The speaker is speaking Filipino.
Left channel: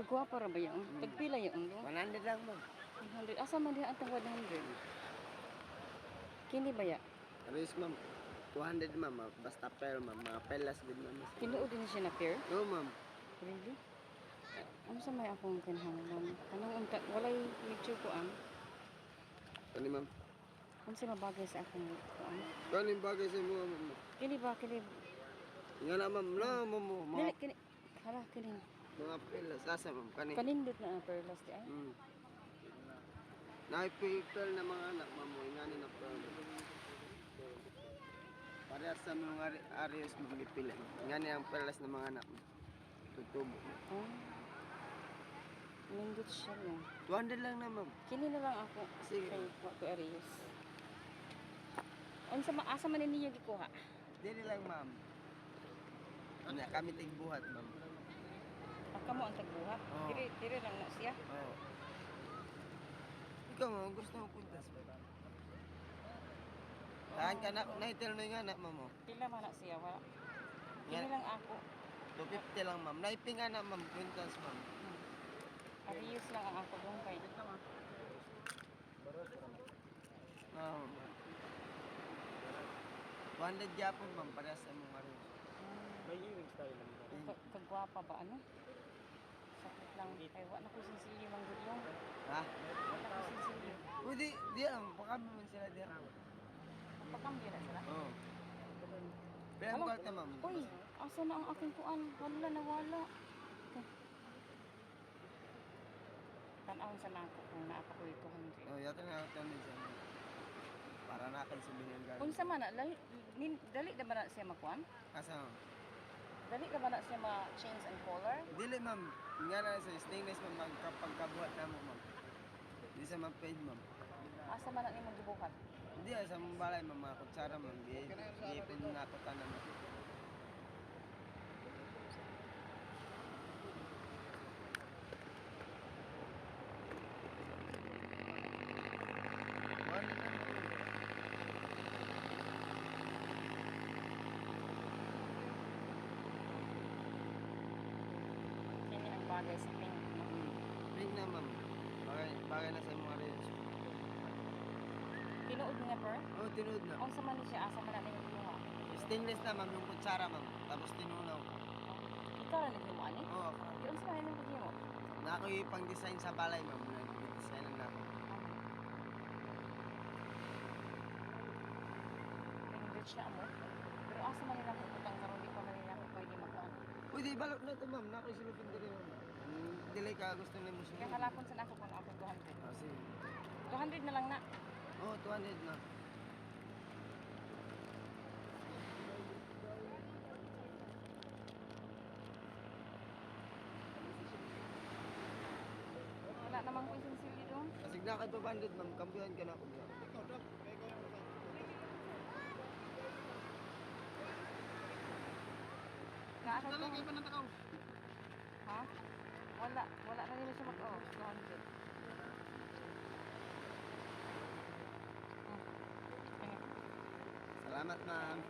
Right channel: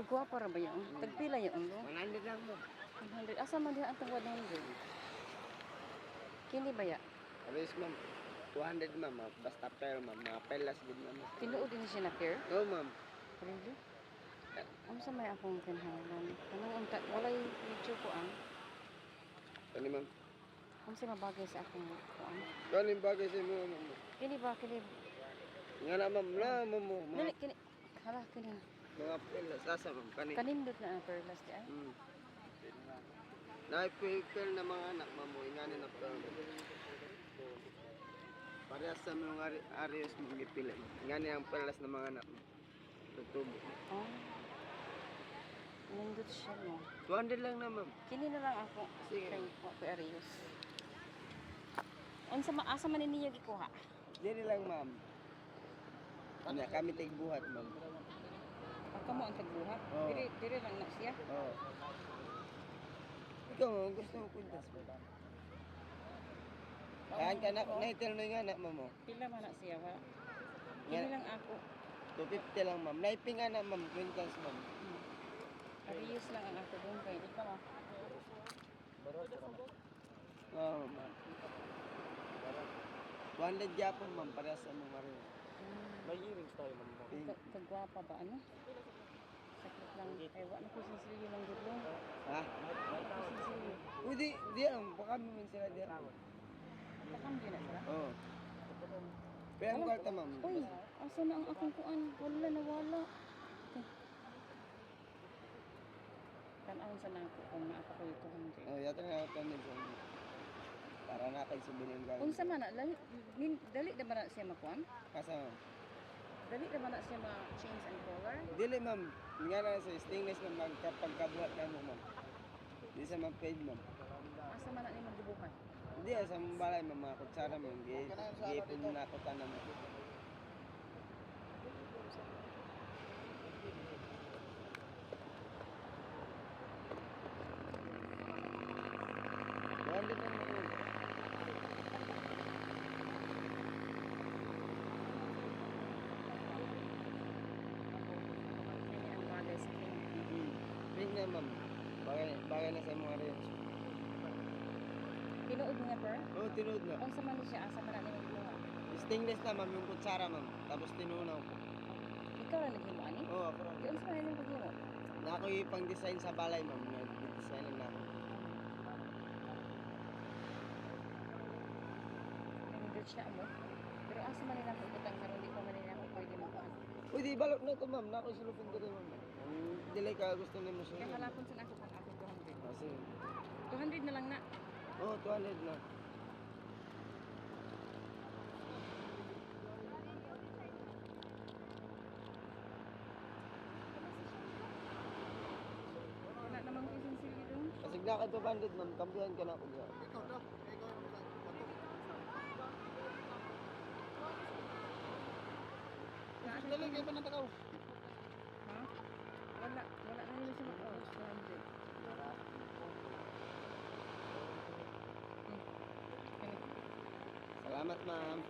Kagwapa ra ba yun? Tagpila yun, no? 100 lang mo. 100. Asa man diha ang 100? Kini ba ya? Alis ma'am. 200 ma'am. Basta pair ma'am. Mga pelas din ma'am. Tinuod din siya na pair? Yo ma'am. Really? Ano sa may akong kinahanglan? Kanang unta, walay medyo kuan. Ano ma'am? Ano sa mabagay sa akong kuan? Kanin bagay sa mo ma'am. Kini ba, kini? Nga na ma'am. Na mo mo. Kini, kini. Hala, kini. Mga pelas. Asa ma'am. Kanin. Kanindot na na perlas di ay. Na-picture na mga anak ma'am. Ingani na pearl. Parehas sa mga areas mo gipili. Ingani ang pearls ng mga anak mo. Tutubo. Oh. Nindot siya, no? 200 lang na ma'am. Kini na lang ako. Sige. Kay Arius. Unsa asa man niya gikuha? Dili lang ma'am. Ano kami tigbuhat ma'am. Pagka mo ang tagbuhat. Oo. Dire lang na siya. Oo. Ikaw ma'am, gusto mo puntas mo? Kaan ka na, naitil na yung anak ma'am. Pila man na siya, wa. Yan. Kini lang ako. 250 lang ma'am. Naiping anak ma'am, puntas ma'am. Arius lang ang ako doon kay dito ma. Oo ma'am. 200 Japon ma'am, para sa mga rin. May earrings tayo naman. Kagwapa ba ano? Sakit lang. Kaya wala ko sisili man dito. Ha? Wala ko sisili. Uy, di lang. Baka naman sila di lang. Pakampi na sila. Oo. Pero ang kwarta ma'am. Uy, asa na ang aking kuan? Wala nawala. Tanawin sa natin kung naapa ko ito. Oh, yata na ako din sa para na kay sabihin ng Unsa man na dali na ba na siya makuan? Asa ma'am? Dali na ba na siya ma-change ang color? Dili ma'am. Nga na sa stainless ma'am magkapagkabuhat na mo ma'am. Di sa mapage ma'am. Asa man na imong gibuhat? Hindi sa mga balay ma'am, mga kutsara ma'am. Gipon na ako tanan. Yan ang bagay sa pink. Pink na ma'am. Bagay na sa mga rin. Tinuod nga per? Oo, tinood na. Unsa man ni siya asa man na imong gibuhat? Stainless na ma'am, yung kutsara ma'am. Tapos tinunaw. Ikaw ang naghimo ani? Oo, ako. Di unsa man imong paghimo? Na ako yung pang-design sa balay ma'am. Nag-design lang na ako. Hindi siya mo. Pero asa man nila mo utang karon di pa man nila ako pwede makuan. Uy, di balot na ito ma'am. Na ako silupin ko rin ma'am. Dili ka gusto ni mo siya. Nakalapon sa nako pang ako 200. Ah, sige. 200 na lang na. Oo, 200 na. Wala namang konsensili doon. Kasi na ka 200 ma'am. Kampihan ka na ako niya. Ikaw daw. Ikaw naman. Naasa Dala to. kayo pa ng takaw. Ha? Wala. Wala na yun siya mag-oh. 200. Salamat ma'am.